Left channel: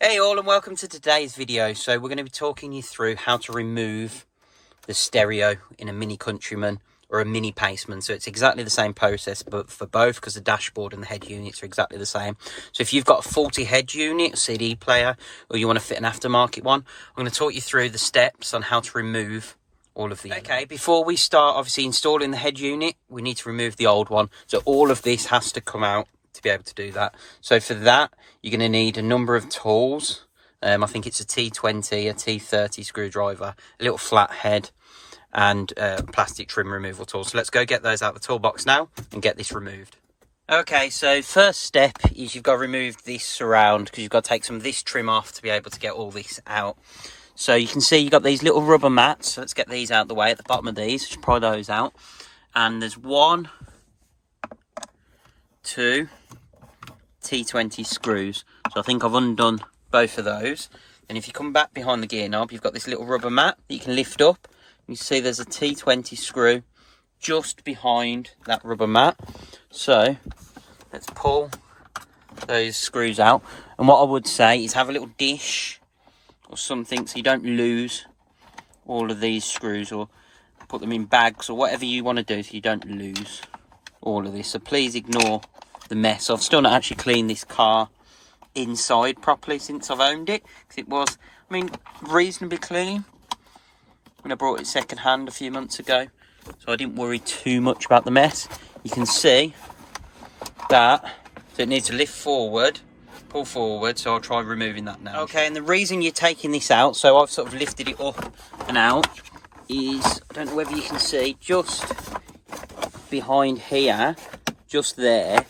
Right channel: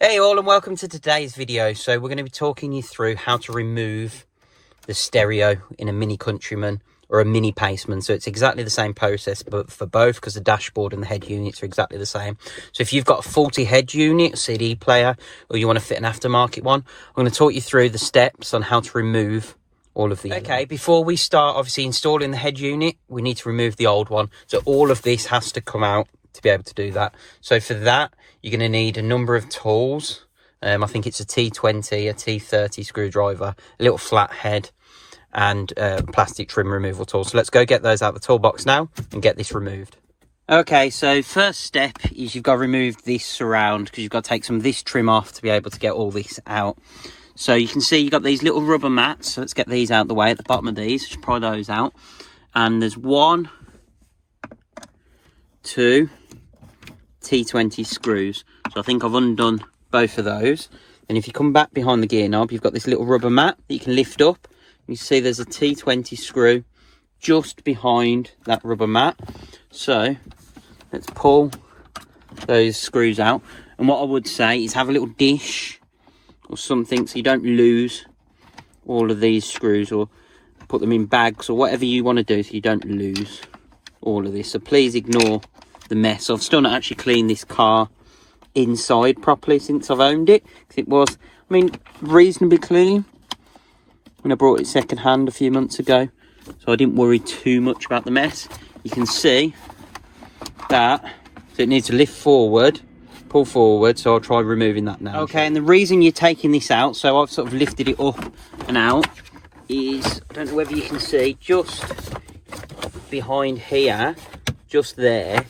Hey all, and welcome to today's video. So we're going to be talking you through how to remove the stereo in a Mini Countryman or a Mini Paceman. So it's exactly the same process but for both, because the dashboard and the head units are exactly the same. So if you've got a faulty head unit, CD player, or you want to fit an aftermarket one, I'm going to talk you through the steps on how to remove all of the Okay, before we start obviously installing the head unit, we need to remove the old one. So all of this has to come out to be able to do that. So for that, you're going to need a number of tools. I think it's a T20, a T30 screwdriver, a little flat head, and plastic trim removal tool. So let's go get those out of the toolbox now and get this removed. Okay, so first step is you've got to remove this surround, because you've got to take some of this trim off to be able to get all this out. So you can see you've got these little rubber mats. So let's get these out of the way at the bottom of these. Just pry those out. And there's 1, 2 T20 screws. So I think I've undone both of those. And if you come back behind the gear knob, you've got this little rubber mat that you can lift up. You see there's a T20 screw just behind that rubber mat. So let's pull those screws out. And what I would say is have a little dish or something so you don't lose all of these screws, or put them in bags or whatever you want to do so you don't lose all of this. So please ignore the mess. I've still not actually cleaned this car inside properly since I've owned it, because it was, I mean, reasonably clean when I brought it second hand a few months ago, so I didn't worry too much about the mess. You can see that, so it needs to lift forward, pull forward, so I'll try removing that now. Okay, and the reason you're taking this out, so I've sort of lifted it up and out, is, I don't know whether you can see, just behind here, just there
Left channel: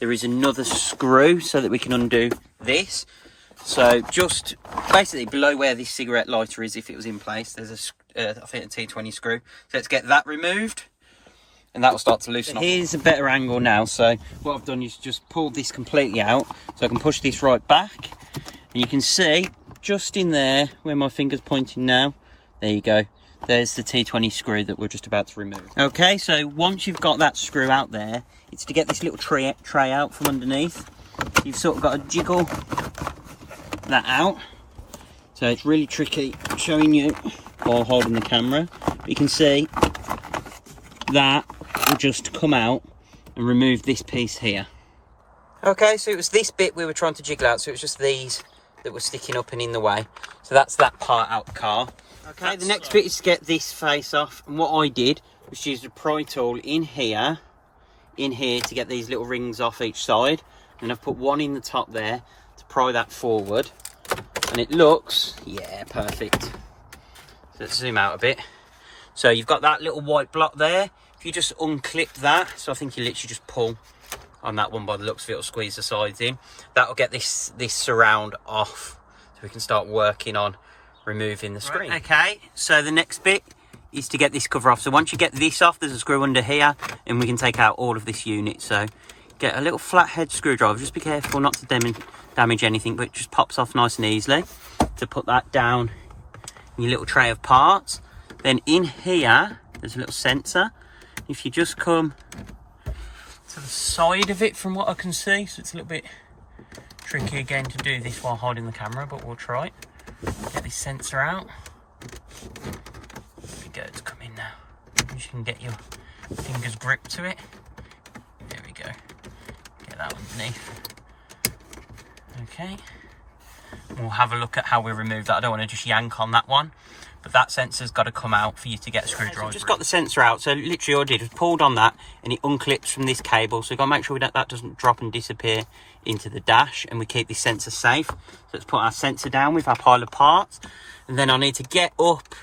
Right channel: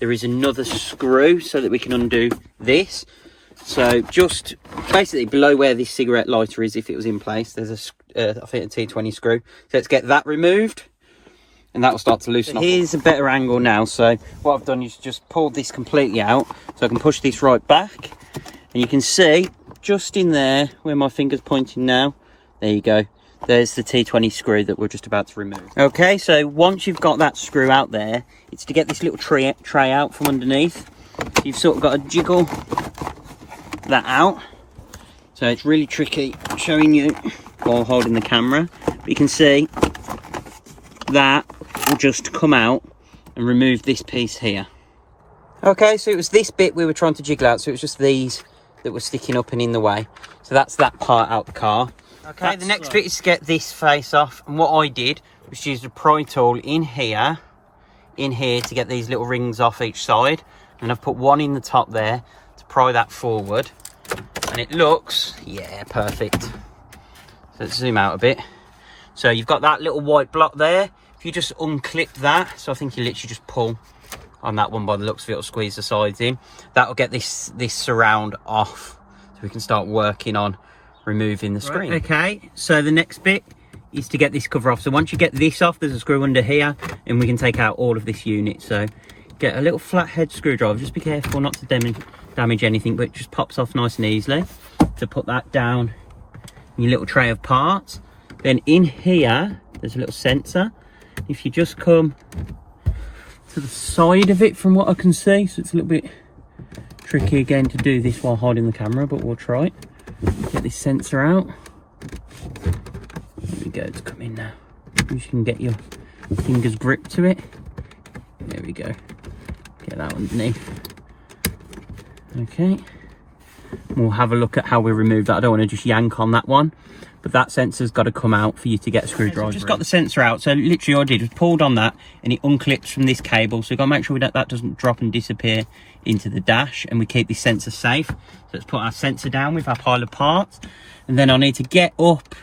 is another screw so that we can undo this. So just basically below where this cigarette lighter is, if it was in place, there's I think a T20 screw. So let's get that removed and that will start to loosen up. Here's a better angle now. So what I've done is just pulled this completely out so I can push this right back, and you can see just in there where my finger's pointing now, there you go, there's the T20 screw that we're just about to remove. Okay, so once you've got that screw out there, it's to get this little tray out from underneath. You've sort of got to jiggle that out. So it's really tricky showing you while holding the camera. But you can see that will just come out and remove this piece here. Okay, so it was this bit we were trying to jiggle out. So it was just these that were sticking up and in the way. So that's that part out the car. Okay, the next bit is to get this face off. And what I did was use the pry tool in here to get these little rings off each side, and I've put one in the top there to pry that forward, and it looks, yeah, perfect. So let's zoom out a bit. So you've got that little white block there. If you just unclip that, so I think you literally just pull on that one by the looks of it, it'll squeeze the sides in. That'll get this surround off, so we can start working on removing the screen. Right, okay, so the next bit is to get this cover off. So once you get this off, there's a screw under here and we can take out all of this unit. So get a little flathead screwdriver, just be careful not to damage anything, but it just pops off nice and easily. To put that down in your little tray of parts. Then in here there's a little sensor. If you just come to the side of it from what I can see, so it's a little bit tricky again to do this while holding the camera, but we'll try it. Get this sensor out. There we go, it's coming now. You can get your fingers gripped to it. There we go. Get that underneath. Okay. We'll have a look at how we remove that. I don't want to just yank on that one, but that sensor's got to come out for you to get a screwdriver. So just got the sensor out. So literally all I did was pulled on that and it unclips from this cable. So you've got to make sure that doesn't drop and disappear into the dash, and we keep this sensor safe. So let's put our sensor down with our pile of parts, and then I need to get up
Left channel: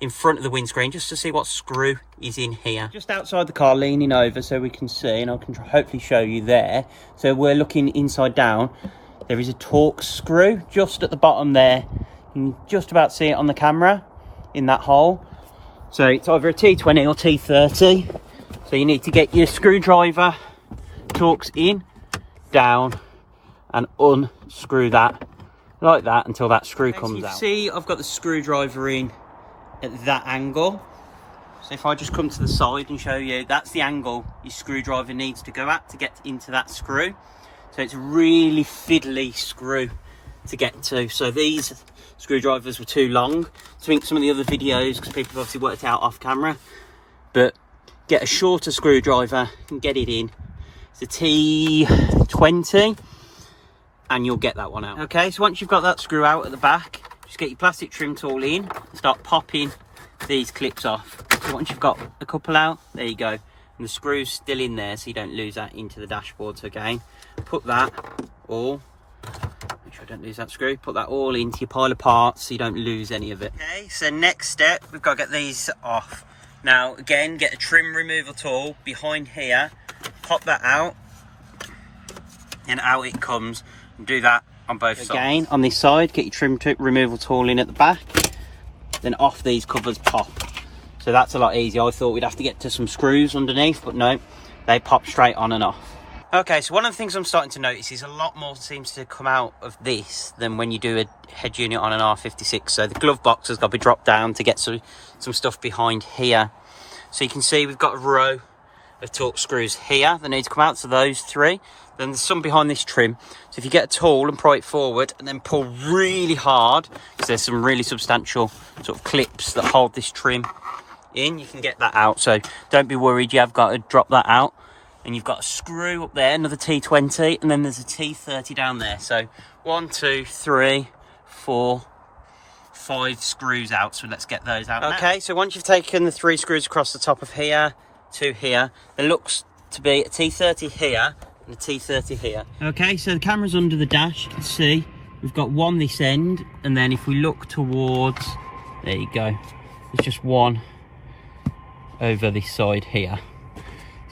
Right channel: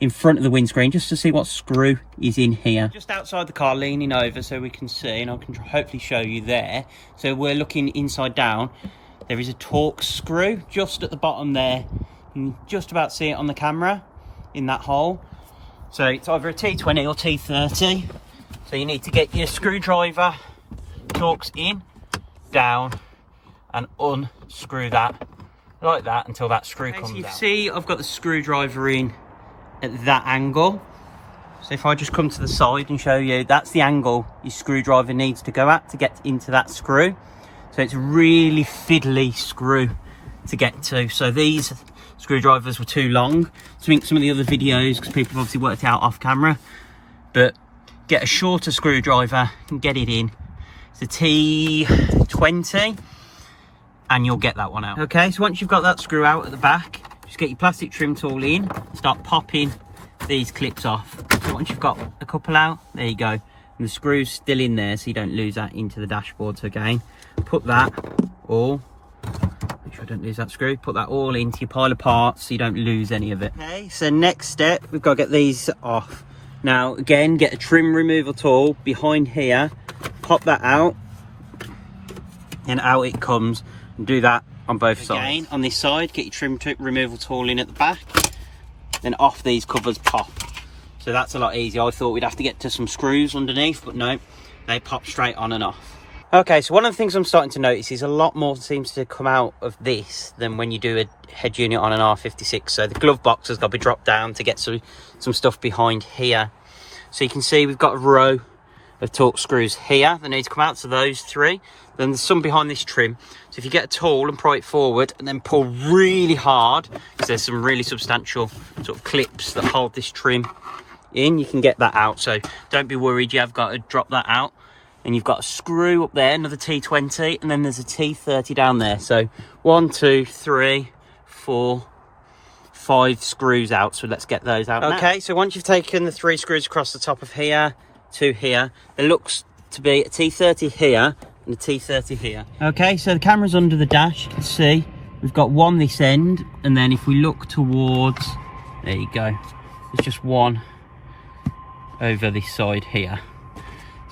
in front of the windscreen just to see what screw is in here. Just outside the car, leaning over so we can see, and I can hopefully show you there. So we're looking inside down. There is a Torx screw just at the bottom there. You can just about see it on the camera in that hole. So it's either a T20 or T30. So you need to get your screwdriver, Torx in, down, and unscrew that like that until that screw comes out. You see I've got the screwdriver in at that angle. So if I just come to the side and show you, that's the angle your screwdriver needs to go at to get into that screw. So it's a really fiddly screw to get to. So these screwdrivers were too long to make some of the other videos because people obviously worked it out off camera. But get a shorter screwdriver and get it in. It's a T20 and you'll get that one out. Okay, so once you've got that screw out at the back, just get your plastic trim tool in, start popping these clips off. So once you've got a couple out, there you go. And the screw's still in there so you don't lose that into the dashboard. So again, put that all, make sure I don't lose that screw, put that all into your pile of parts so you don't lose any of it. Okay, so next step, we've got to get these off. Now again, get a trim removal tool behind here, pop that out, and out it comes. And do that on both sides. Again, on this side, get your trim removal tool in at the back, then off these covers pop. So that's a lot easier. I thought we'd have to get to some screws underneath, but no, they pop straight on and off. Okay, so one of the things I'm starting to notice is a lot more seems to come out of this than when you do a head unit on an R56. So the glove box has got to be dropped down to get some stuff behind here. So you can see we've got a row of torque screws here that need to come out, so those three. Then there's some behind this trim. So if you get a tool and pry it forward and then pull really hard, because there's some really substantial sort of clips that hold this trim in, you can get that out. So don't be worried, you have got to drop that out. And you've got a screw up there, another T20, and then there's a T30 down there. So 1, 2, 3, 4, 5 screws out. So let's get those out now. Okay, so once you've taken the 3 screws across the top of here to here, there looks to be a T30 here and a T30 here. Okay, so the camera's under the dash. You can see we've got one this end, and then if we look towards, there you go, there's just one over this side here.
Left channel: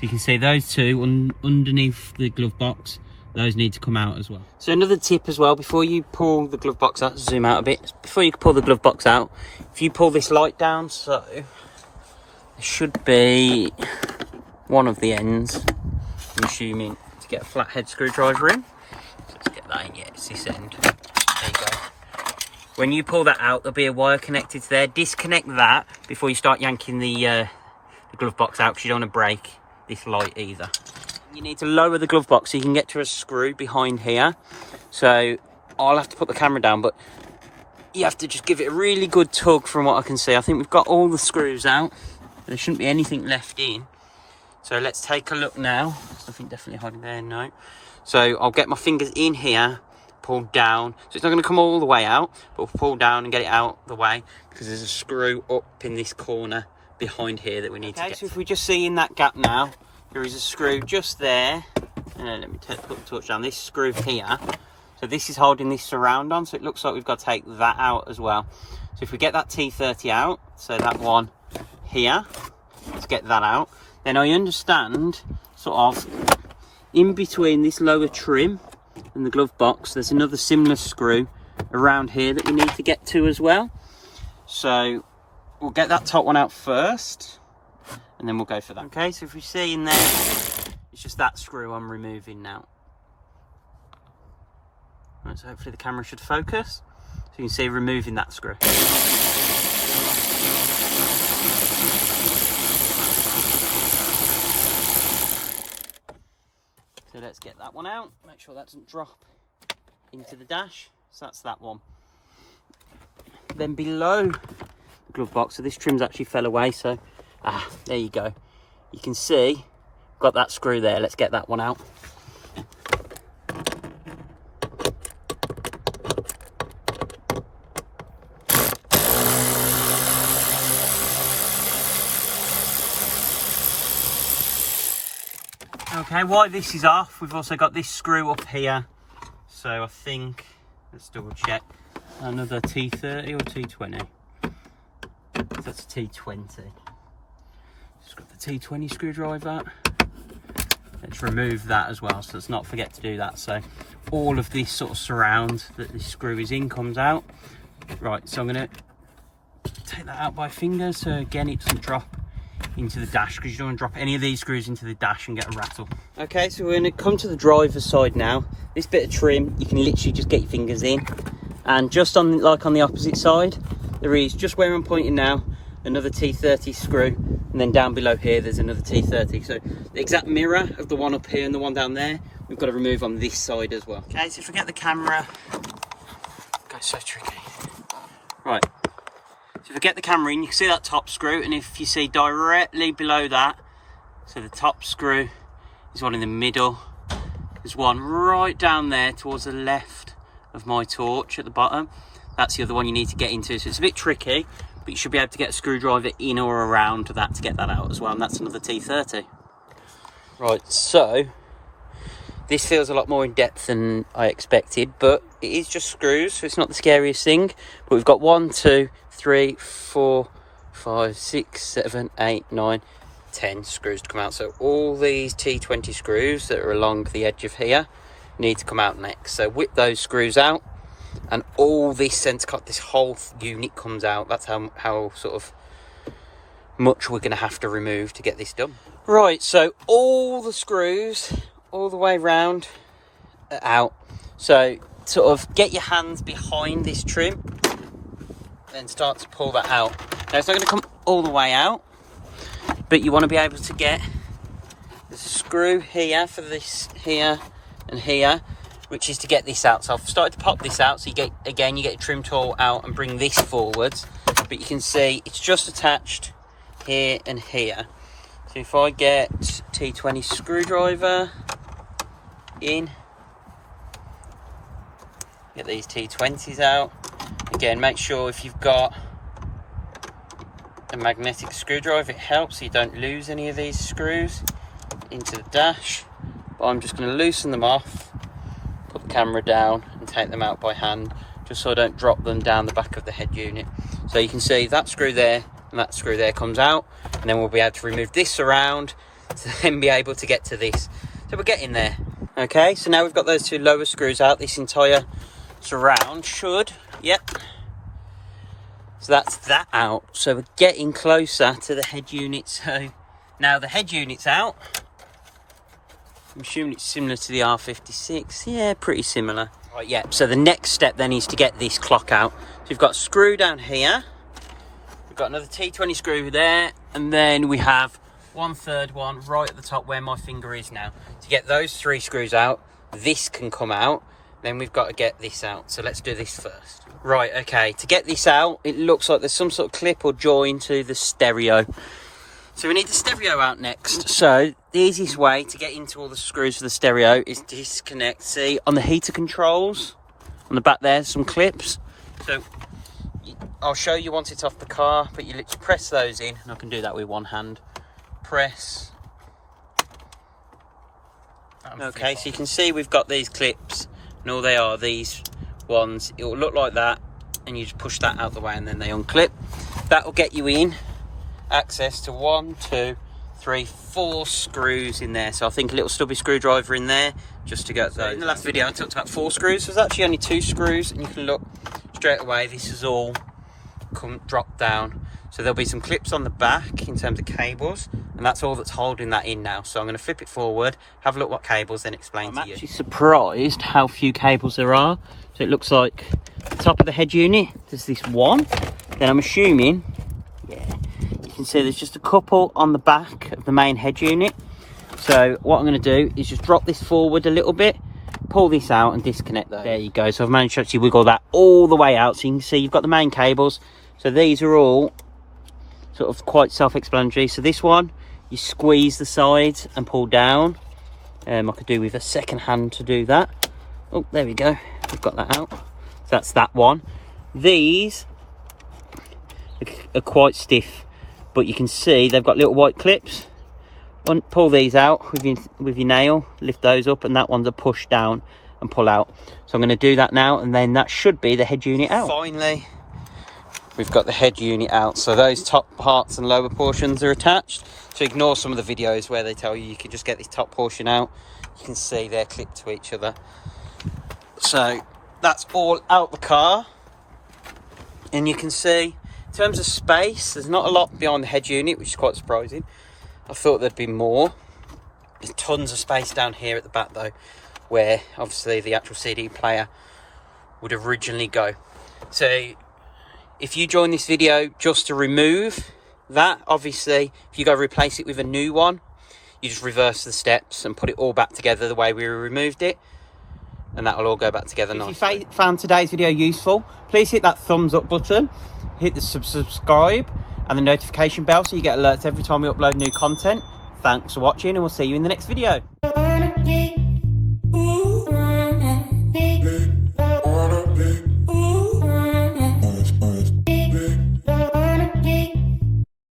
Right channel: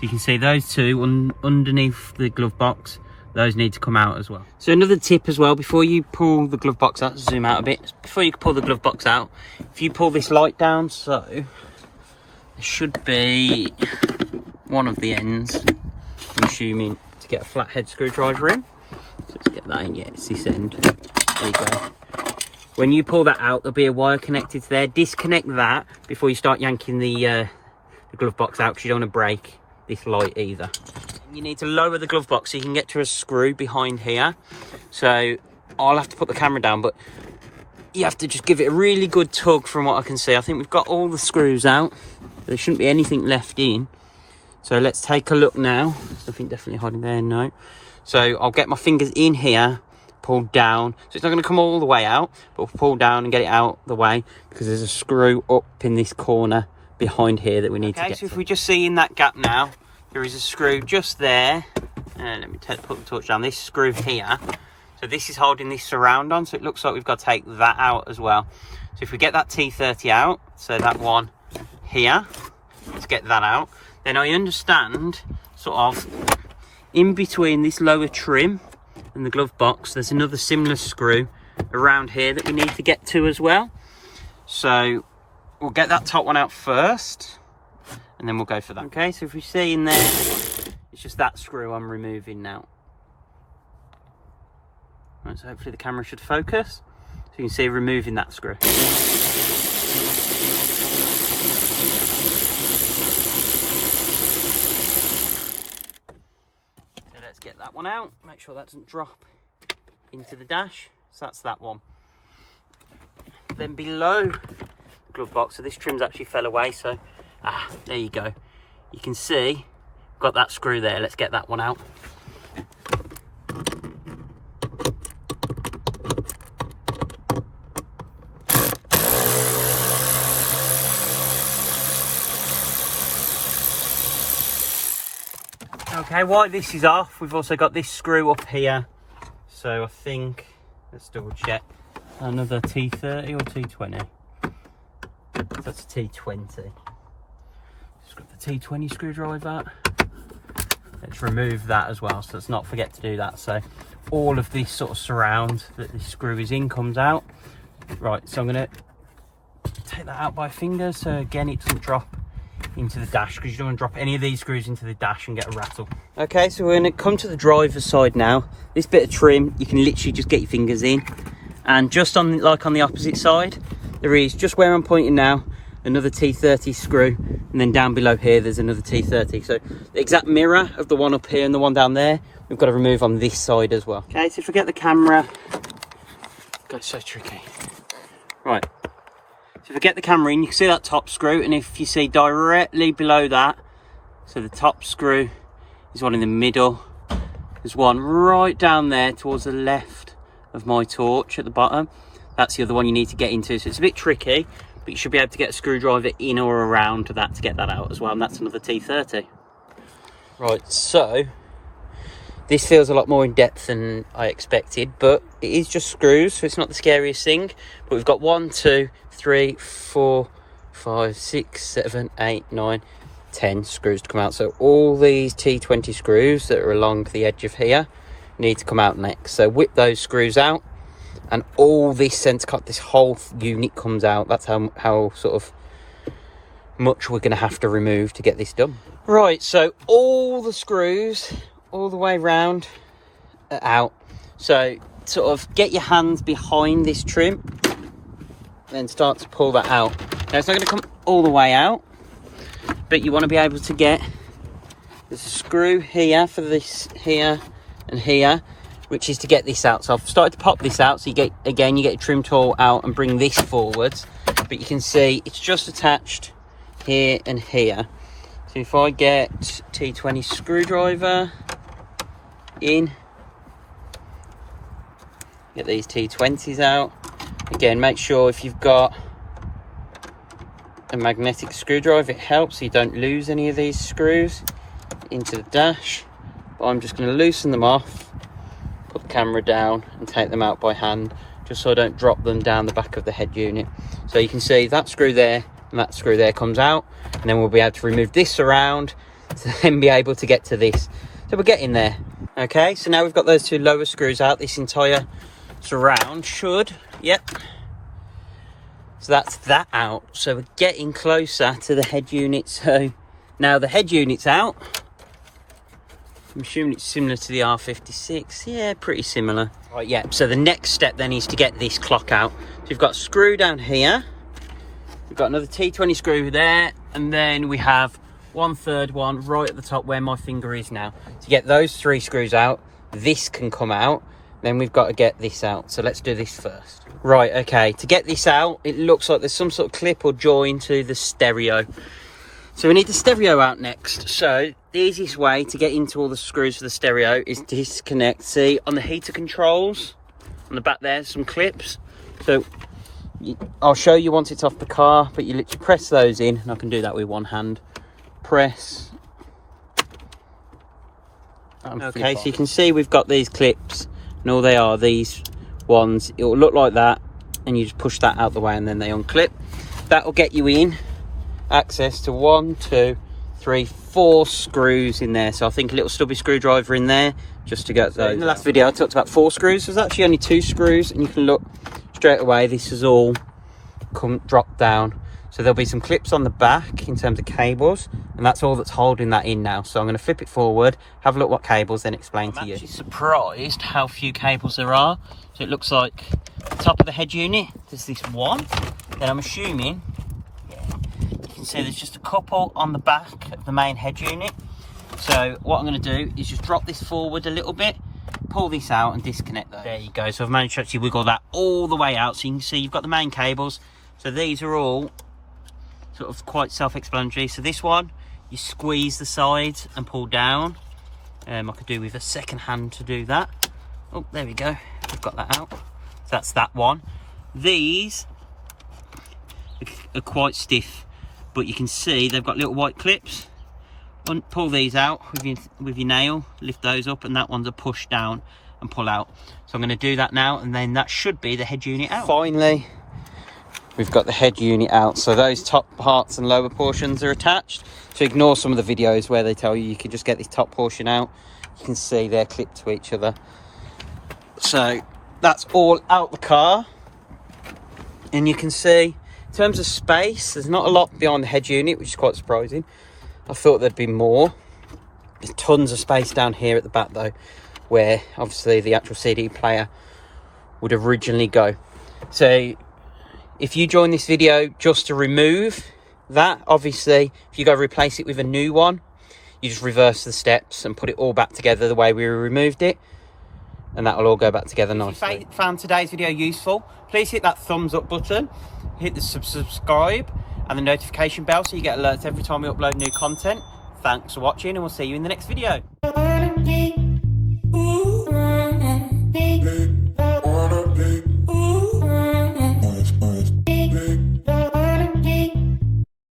You can see those two underneath the glove box, those need to come out as well. So another tip as well, before you pull the glove box out, zoom out a bit, before you pull the glove box out, if you pull this light down, so there should be one of the ends, I'm assuming, to get a flathead screwdriver in. So let's get that in, yeah, it's this end. There you go. When you pull that out, there'll be a wire connected to there. Disconnect that before you start yanking the glove box out, because you don't want to break this light either. You need to lower the glove box so you can get to a screw behind here. So I'll have to put the camera down, but you have to just give it a really good tug from what I can see. I think we've got all the screws out. There shouldn't be anything left in. So let's take a look now. Nothing definitely hiding there, no. So I'll get my fingers in here, pull down. So it's not going to come all the way out, but we'll pull down and get it out the way, because there's a screw up in this corner behind here that we need to get to. If we just see in that gap now, there is a screw just there. Let me put the torch down. This screw here. So this is holding this surround on, so it looks like we've got to take that out as well. So if we get that T30 out, so that one here, let's get that out. Then I understand, sort of, in between this lower trim and the glove box, there's another similar screw around here that we need to get to as well. So we'll get that top one out first, and then we'll go for that. Okay, so if we see in there, it's just that screw I'm removing now. Right, so hopefully the camera should focus. So you can see removing that screw. So let's get that one out. Make sure that doesn't drop into the dash. So that's that one. Then below glove box, so this trim's actually fell away, so there you go, you can see got that screw there. Let's get that one out. Okay, while this is off, we've also got this screw up here, so I think, let's double check, another T30 or T20. That's a T20. Just got the T20 screwdriver. Let's remove that as well, so let's not forget to do that. So all of this sort of surround that this screw is in comes out. Right, so I'm going to take that out by fingers, so again it doesn't drop into the dash, because you don't want to drop any of these screws into the dash and get a rattle. Okay, so we're going to come to the driver's side now. This bit of trim, you can literally just get your fingers in, and just on, like on the opposite side, there is, just where I'm pointing now, another T30 screw, and then down below here there's another T30. So the exact mirror of the one up here and the one down there, we've got to remove on this side as well. Okay, so if we get the camera goes so tricky. Right, so if I get the camera in, you can see that top screw, and if you see directly below that, so the top screw is one in the middle. There's one right down there towards the left of my torch at the bottom. That's the other one you need to get into. So it's a bit tricky, but you should be able to get a screwdriver in or around that to get that out as well. And that's another T30. Right, so this feels a lot more in depth than I expected, but it is just screws, so it's not the scariest thing. But we've got 1, 2, 3, 4, 5, 6, 7, 8, 9, 10 screws to come out. So all these T20 screws that are along the edge of here need to come out next. So whip those screws out, and all this centre cut, this whole unit comes out. That's how sort of much we're going to have to remove to get this done. Right, so all the screws all the way round are out. So sort of get your hands behind this trim, then start to pull that out. Now it's not going to come all the way out, but you want to be able to get, there's a screw here for this here and here, which is to get this out. So I've started to pop this out, so you get, again, you get a trim tool out and bring this forwards, but you can see it's just attached here and here. So if I get T20 screwdriver in, get these T20s out. Again, make sure if you've got a magnetic screwdriver, it helps so you don't lose any of these screws into the dash. But I'm just going to loosen them off, put the camera down and take them out by hand, just so I don't drop them down the back of the head unit. So you can see that screw there and that screw there comes out, and then we'll be able to remove this around to then be able to get to this. So we're getting there. Okay, so now we've got those two lower screws out. This entire surround should, yep. So that's that out. So we're getting closer to the head unit. So now the head unit's out. I'm assuming it's similar to the R56. Yeah, pretty similar. Right, yeah. So the next step then is to get this clock out. So you've got a screw down here. We've got another T20 screw there. And then we have 1/3 one right at the top where my finger is now. To get those 3 screws out, this can come out. Then we've got to get this out. So let's do this first. Right, okay. To get this out, it looks like there's some sort of clip or join to the stereo. So we need the stereo out next. So the easiest way to get into all the screws for the stereo is to disconnect. See, on the heater controls, on the back there's some clips. So I'll show you once it's off the car, but you literally press those in, and I can do that with one hand. Press. Okay, so you can see we've got these clips, and all they are, these ones, it will look like that, and you just push that out the way and then they unclip. That will get you in access to 1, 2, 3, 4 screws in there. So I think a little stubby screwdriver in there just to get those. In the last video I talked about 4 screws. There's actually only 2 screws, and you can look straight away, this has all dropped down. So there'll be some clips on the back in terms of cables, and that's all that's holding that in now. So I'm going to flip it forward, have a look what cables, then explain to you. I'm actually surprised how few cables there are. So it looks like the top of the head unit, there's this one. Then I'm assuming, you can see there's just a couple on the back of the main head unit. So what I'm going to do is just drop this forward a little bit, pull this out and disconnect those. There you go. So I've managed to actually wiggle that all the way out. So you can see you've got the main cables. So these are all sort of quite self-explanatory. So this one, you squeeze the sides and pull down. I could do with a second hand to do that. Oh, there we go. I've got that out. So that's that one. These are quite stiff, but you can see they've got little white clips. Pull these out with your nail, lift those up, and that one's a push down and pull out. So I'm going to do that now, and then that should be the head unit out. Finally, we've got the head unit out. So those top parts and lower portions are attached. So ignore some of the videos where they tell you you can just get this top portion out. You can see they're clipped to each other. So that's all out the car. And you can see, in terms of space, there's not a lot behind the head unit, which is quite surprising. I thought there'd be more. There's tons of space down here at the back though, where obviously the actual CD player would originally go. So if you join this video just to remove that, obviously if you go replace it with a new one, you just reverse the steps and put it all back together the way we removed it. and that will all go back together nicely. If you found today's video useful, please hit that thumbs up button, hit the subscribe and the notification bell so you get alerts every time we upload new content. Thanks for watching, and we'll see you in the next video.